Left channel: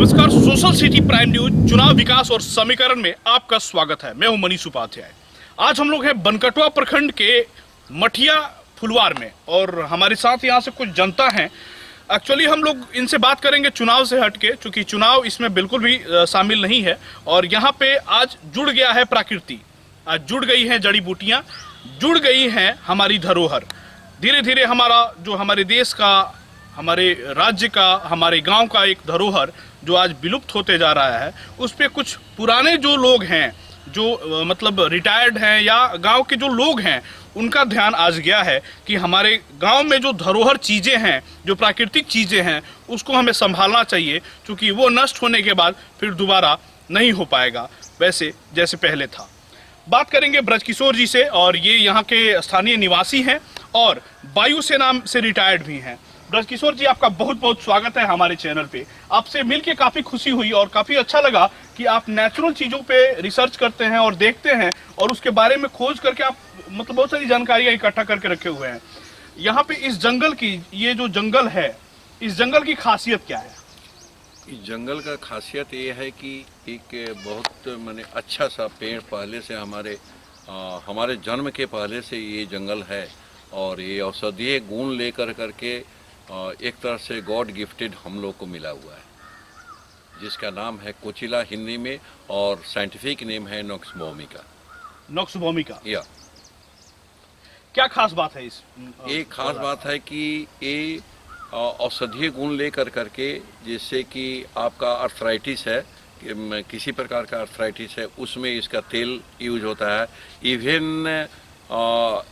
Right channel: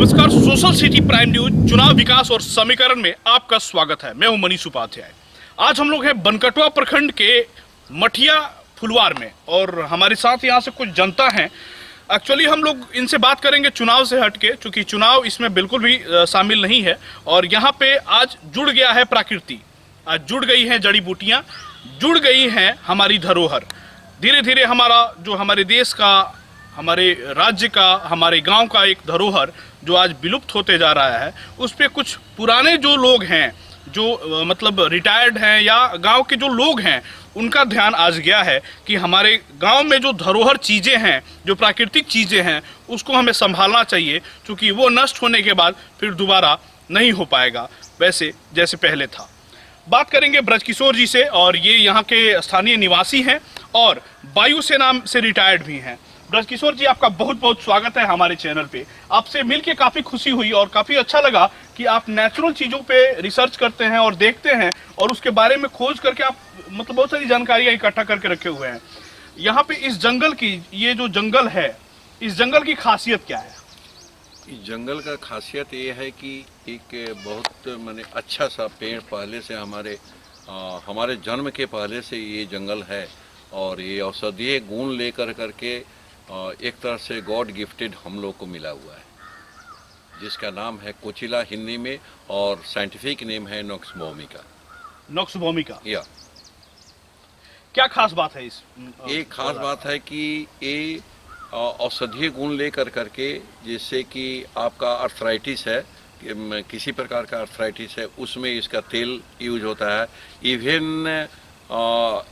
नमस्कार, social city prime news चुनाव विकास और समीकरण में आपका स्वागत है। मैं हूं मनीष उपाध्याय। आज हम लोग हैं बनकटवा प्रखंड के मठिया फुलवार में और हमारे साथ यहां से कुछ जनता हैं। एक्चुअली हम लोग इनसे बात करेंगे चुनाव से हटके, क्योंकि चुनाव इसमें बिल्कुल भी शामिल नहीं है। और यहाँ पे आज जुड़ गया है प्रकृति, आज जुड़ गई हैं जड़ी बूटियाँ, जुड़ गई हैं हमारी धरोहर। धीरे धीरे हमारा जो हमारे देश का, हमारे राज्य का, हमारे गांव का एक धरोहर जो आज विलुप्त होते जा रहा है, उस पे कुछ पुराने जो लोग हैं, जो मतलब रिटायर्ड हैं या गांव के जो लोग हैं, उनका ध्यान आज गया है कि हमारे गांव में जो धरोहर चीज़ें हैं, जो प्राकृतिक चीज़ें हैं, उसको हमें संभालना चाहिए, क्योंकि वो नष्ट होने के बाद फिर दोबारा नहीं हो पाएगा वैसे जैसे पहले था। बात करेंगे ब्रजकिशोर जी से, और ये यहाँ के स्थानीय निवासी हैं और वायुसेना से रिटायर्ड भी हैं। ब्रजकिशोर जी, आपका बहुत बहुत स्वागत है हमारे चैनल पे। आपसे मिलके काफ़ी खुशी हुई और काफ़ी अच्छा लगा कि आप नेचुरल चीज़ों पे रिसर्च करते हैं और देखते हैं और उसके बारे में खोज करके आप मतलब बहुत सारी जानकारियाँ इकट्ठा करके रखे हुए हैं। यहाँ पे इस जंगल की, ये जो जंगल है, इस जंगल की खासियत क्या है? इस जंगल का खासियत ये है कि एक बहुत माने अच्छा सा पेड़ पहले से हमारे जन्म के पहले से ये जंगल है और ये औषधीय गुण लेकर करके एक तरह से गॉड गिफ्टेड हम लोग को मिला हुआ है, जिसका नाम है कोचिला हिंदी में और साइंटिफिक नेम है नॉक्स भूमिका। नॉक्स भूमिका, या क्या खास बात है इस? एक खास बात है कि ये औषधीय गुण लेकर करके, जिससे कि आपका अर्थराइटिस है, किसी प्रकार का अर्थराइटिस है, उसमें इसका तेल यूज होता है। इवन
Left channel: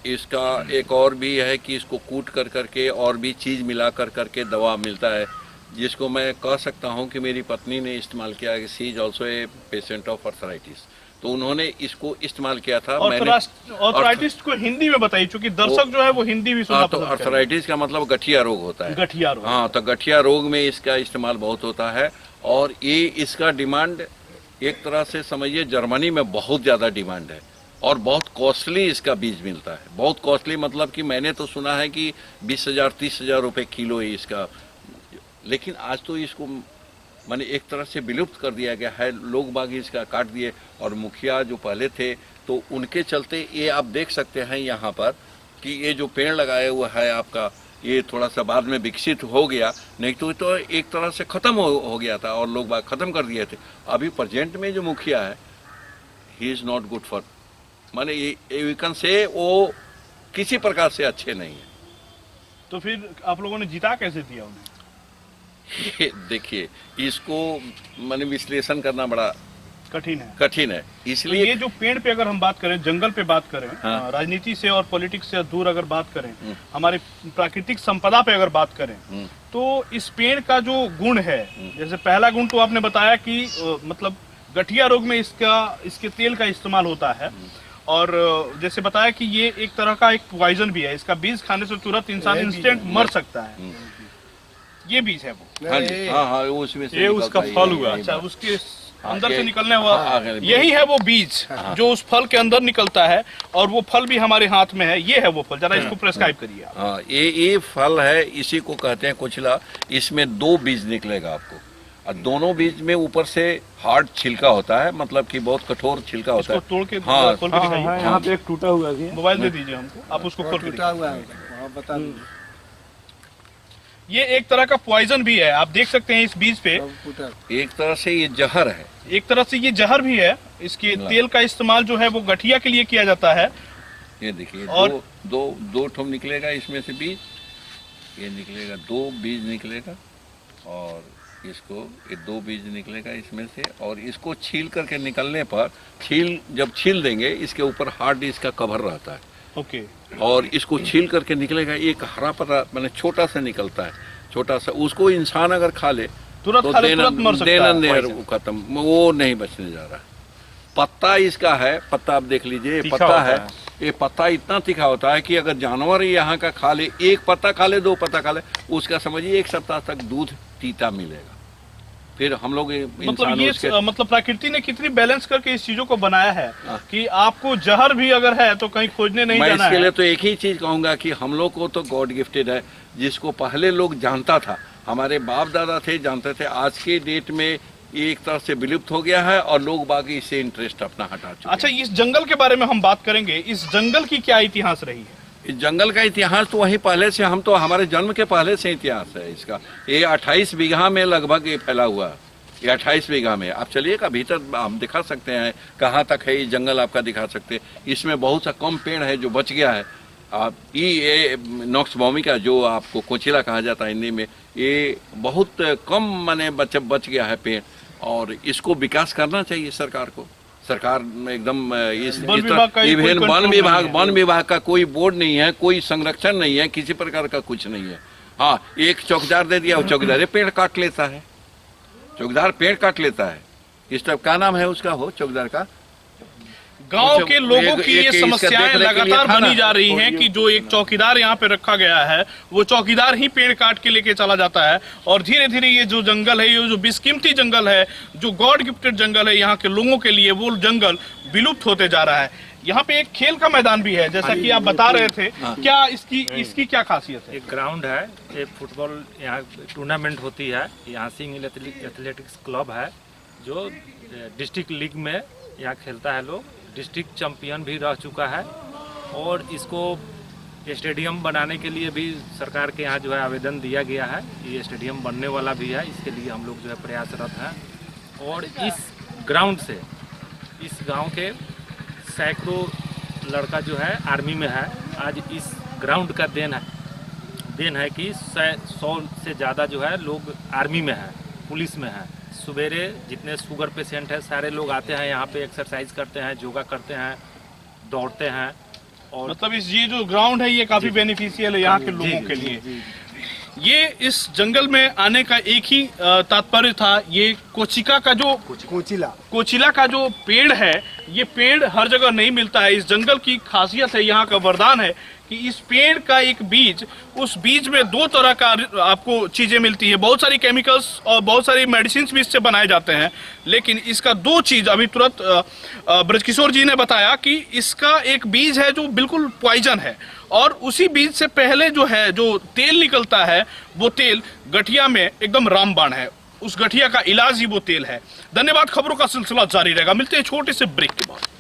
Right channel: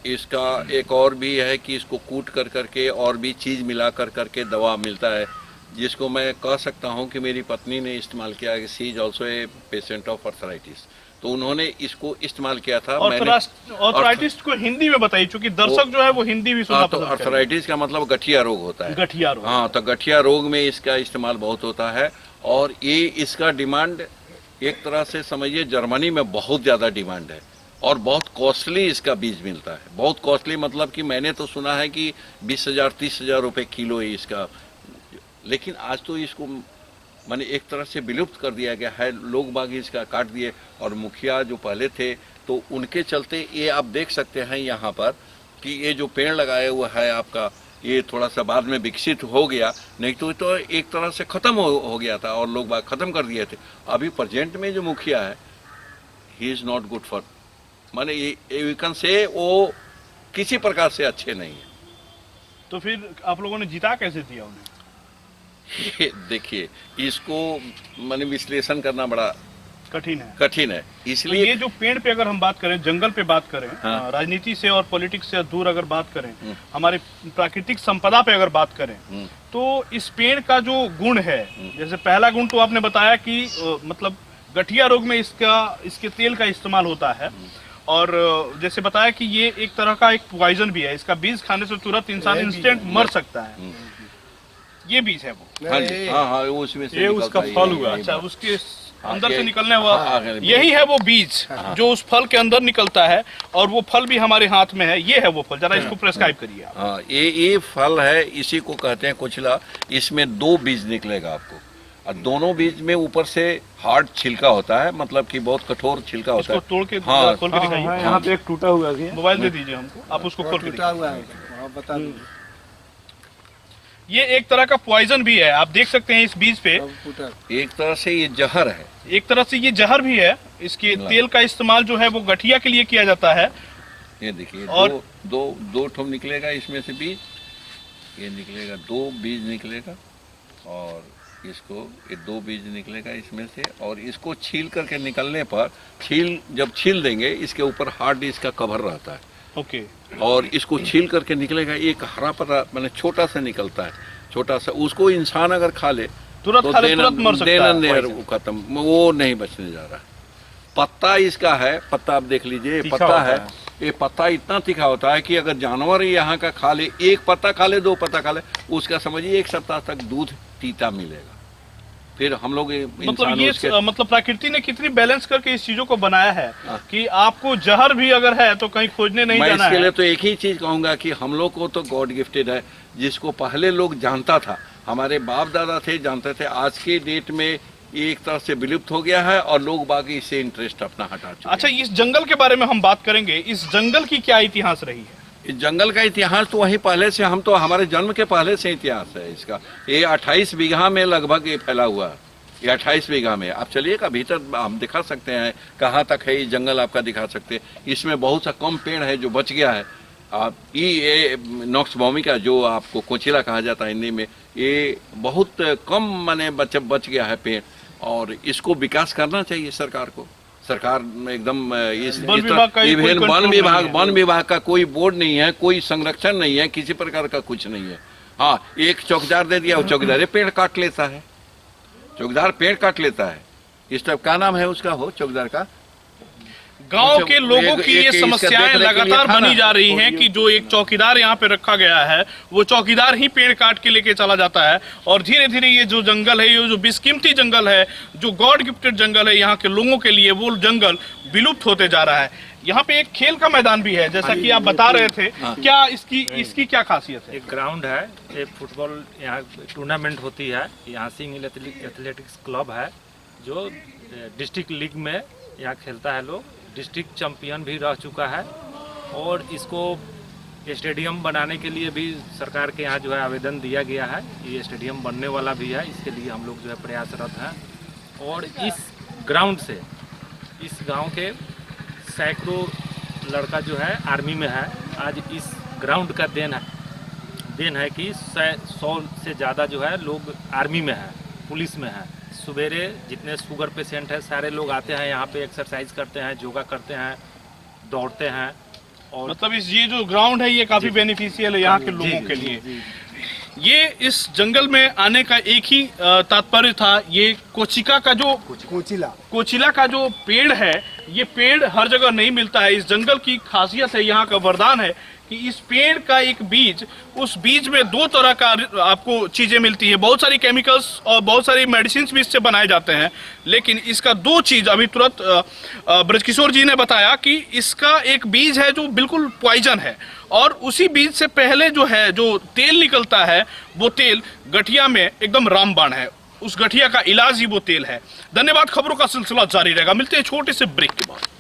इसका एक और भी है कि इसको कूट कर करके और भी चीज़ मिला कर करके दवा मिलता है, जिसको मैं कह सकता हूं कि मेरी पत्नी ने इस्तेमाल किया है। She is also a patient of arthritis, तो उन्होंने इसको इस्तेमाल किया था। अर्थराइटिस को हिंदी में बताइए, क्योंकि दर्शक जो है वो हिंदी भी सुनना तो अर्थराइटिस का मतलब गठिया रोग होता है। गठिया रोग, हाँ, तो गठिया रोग में इसका इस्तेमाल बहुत होता है और ये इसका डिमांड एक तरह से समझिए जर्मनी में बहुत ज़्यादा डिमांड है और बहुत कॉस्टली इसका बीज मिलता है। बहुत कॉस्टली मतलब कि मैंने तो सुना है कि 20,000 30,000 रुपये किलो है इसका, लेकिन आज तो इसको मैंने एक तरह से विलुप्त कर दिया गया है। लोग बाग इसका काट दिए और मुखिया जो पहले थे तो उनके चलते ये आप देख सकते हैं यहाँ पर कि ये जो पेड़ लगाया हुआ है आपका, ये थोड़ा सा बाद में विकसित हो गया, नहीं तो एक तरह से ख़त्म हो गया था और लोग बाग ख़त्म कर दिए थे। अभी प्रेजेंट में जो मुखिया है, he is not good for, माने ये कैन से वो किसी प्रकार से अच्छे नहीं है। तो फिर आप लोगों ने जिता कैसे दिया उन्हें? देखिए, इसको माने विश्लेषण करना बड़ा कठिन है। इसलिए तो ये जो पेड़ पे अगर हम बात करें, जंगल पे बात करें, हाँ। राजनीति से और पॉलिटिक्स से दूर अगर बात करें, हमारे प्राकृतिक संपदा पे अगर बात करें, तो इस पेड़ का जो गुण है, जैसे पहला गुण तो आपने बताया कि मतलब गठिया रोग में इसके तेल का इस्तेमाल होता है, और जैसे बताया कि ये एक तरह का एक पॉइजन भी है, इसका बीज खाने से तुरंत इंसान इंस्टेंट मर सकता है। ये बीज है वो? हाँ, उसमें से ये उसका फल हुआ। अच्छा, उसके अंदर से निकलने वाला यही है वो बीज जो उस फल के अंदर निकलता है, और वो फल भी हमारे हाथ में है। ये है वो फल, जरा इसको प्रेस्क्राइब करिए आप। हाँ, ये फल है, इसी को कहते हैं कोचिला। इसमें 2 बीज निकलेगा आपको, और दोनों बीज में ऊपर से हार्ड छिलका होता है, मतलब कि बहुत कठोर छिलका होता है। तोड़ के हाँ, खोल के दिखाइए। यहाँ पे एक टूटा हुआ है, मोबाइल दे दीजिए हमको, आप उसको खोल के टूटा हुआ है, बता दीजिए। ये एक तरह का पॉइजन भी है, आप देख सकते हैं इस बीज पे। एक तरह से ये जहर है, एक तरह से ये जहर भी है। इसके तेल का इस्तेमाल जो है वो गठिया के लिए किया जाता है। ये देखिए, और दो ठोम निकलेगा इसमें से बीज, ये निकलेगा 2 बीज निकलेगा, और इसको ये 2 बीज निकलेगा इसमें से, और इसको छील करके निकलने पर जब छील देंगे, इसके ऊपर हार्ड इसका कवर रहता है। ओके। और इसको छील करके निकलेगा, एक हरा पत्ता मैंने छोटा सा निकलता है, छोटा सा, उसको इंसान अगर खा ले तुरंत मर सकता है। वो खत्म, वो नहीं बचने जा रहा। पत्ता इसका है, पत्ता आप देख लीजिए, पत्ता है, ये पत्ता इतना तीखा होता है कि अगर जानवर यहाँ का खा ले, 1 पत्ता खा ले, 2 पत्ता खा ले, उसका समझिए 1 सप्ताह तक दूध पीता मिलेगा। फिर हम लोग मतलब इंसानों ये उसके मतलब प्रकृति ने कितनी बैलेंस करके इस चीजों को बनाया है कि आपको जहर भी अगर है तो कहीं खोजने नहीं मैं जाना इसके है। लिए तो एक ही चीज कहूंगा कि हम लोग को तो गॉड गिफ्टेड है, जिसको पहले लोग जानता था, हमारे बाप दादा थे जानते थे, आज के डेट में ये एक तरह से विलुप्त हो गया है और लोग बाकी इससे इंटरेस्ट अपना हटा चुके अच्छा, हैं। इस जंगल के बारे में हम बात करेंगे। इस जंगल की क्या इतिहास रही है? इस जंगल का इतिहास तो वही पहले से, हम तो हमारे जन्म के पहले से इतिहास है इसका। ये 28 बीघा में लगभग ये फैला हुआ है, ये 28 बीघा में। आप चलिएगा भीतर, हम दिखा सकते हैं कहाँ तक है ये जंगल, आपका दिखा सकते हैं। इसमें बहुत सा कम पेड़ है जो बच गया है। आप ये नॉक्स भूमिका जो आपको कोचिला कहा जाता है हिंदी में, ये बहुत कम माने बच गया है पेड़, और इसको विकास करना चाहिए सरकार को। सरकार एकदम इस वन विभाग का इवन कोई वन कंट्रोल विभाग नहीं है। वन विभाग का कोई बोर्ड नहीं है, कोई संरक्षण नहीं है, किसी प्रकार का कुछ नहीं है। हाँ, एक चौकीदार दे दिया, वो चौकीदार पेड़ काट लेता है, चौकीदार पेड़ काट लेता है। इस टाइप का नाम है उसका, हो चौकीदार का। गांव के लोगों की ये इसका समस्याएं देखने के लिए लगातार था ना। बनी जा रही हैं कि जो एक चौकीदार यहाँ पे रखा गया है, वो चौकीदार ही पेड़ काट के लेके चला जाता है, और धीरे धीरे ये जो जंगल है, ये जो बेशकीमती जंगल है, जो गॉड गिफ्टेड जंगल है यहाँ के लोगों के लिए, वो जंगल विलुप्त होते जा रहा है। यहाँ पे एक खेल का मैदान भी है, जैसा कि आप बता रहे थे। क्या इसकी क्या खासियत है? एक ग्राउंड है, एक फुटबॉल यहाँ टूर्नामेंट होती है। यहाँ सिंह एथलेटिक्स क्लब है जो डिस्ट्रिक्ट लीग में यहाँ खेलता है लोग, डिस्ट्रिक्ट चैंपियन भी रह चुका है। और इसको स्टेडियम बनाने के लिए भी सरकार के यहाँ जो है आवेदन दिया गया है। ये स्टेडियम बनने वाला भी है, इसके लिए हम लोग जो है प्रयासरत हैं। और इस ग्राउंड से इस गांव के सैकड़ों लड़का जो है आर्मी में है। आज इस ग्राउंड का देन है कि 100 से ज़्यादा जो है लोग आर्मी में है, पुलिस में है। सवेरे जितने शुगर पेशेंट है सारे लोग आते हैं यहाँ पे, एक्सरसाइज करते हैं, योगा करते हैं, दौड़ते हैं। और मतलब ये जो ग्राउंड है ये काफी बेनिफिशियल है यहाँ के लोगों के लिए। ये इस जंगल में आने का एक ही तात्पर्य था। ये कोचिका का जो कोचिला का जो पेड़ है, ये पेड़ हर जगह नहीं मिलता है। इस जंगल की खासियत है, यहाँ का वरदान है कि इस पेड़ का एक बीज, उस बीज में 2 तरह का आपको चीजें मिलती है। बहुत सारी केमिकल्स और बहुत सारी मेडिसिन भी इससे बनाए जाते हैं, लेकिन इसका 2 चीज अभी तुरंत ब्रजकिशोर जी ने बताया कि इसका एक बीज है जो बिल्कुल पॉइजन है, और उसी बीज से पहले जो है जो तेल निकलता है, वो तेल गठिया में एकदम रामबाण है। उस गठिया का इलाज ही वो तेल है। धन्यवाद। खबरों का सिलसिला जारी रहेगा, मिलते हैं छोटे से ब्रेक के बाद।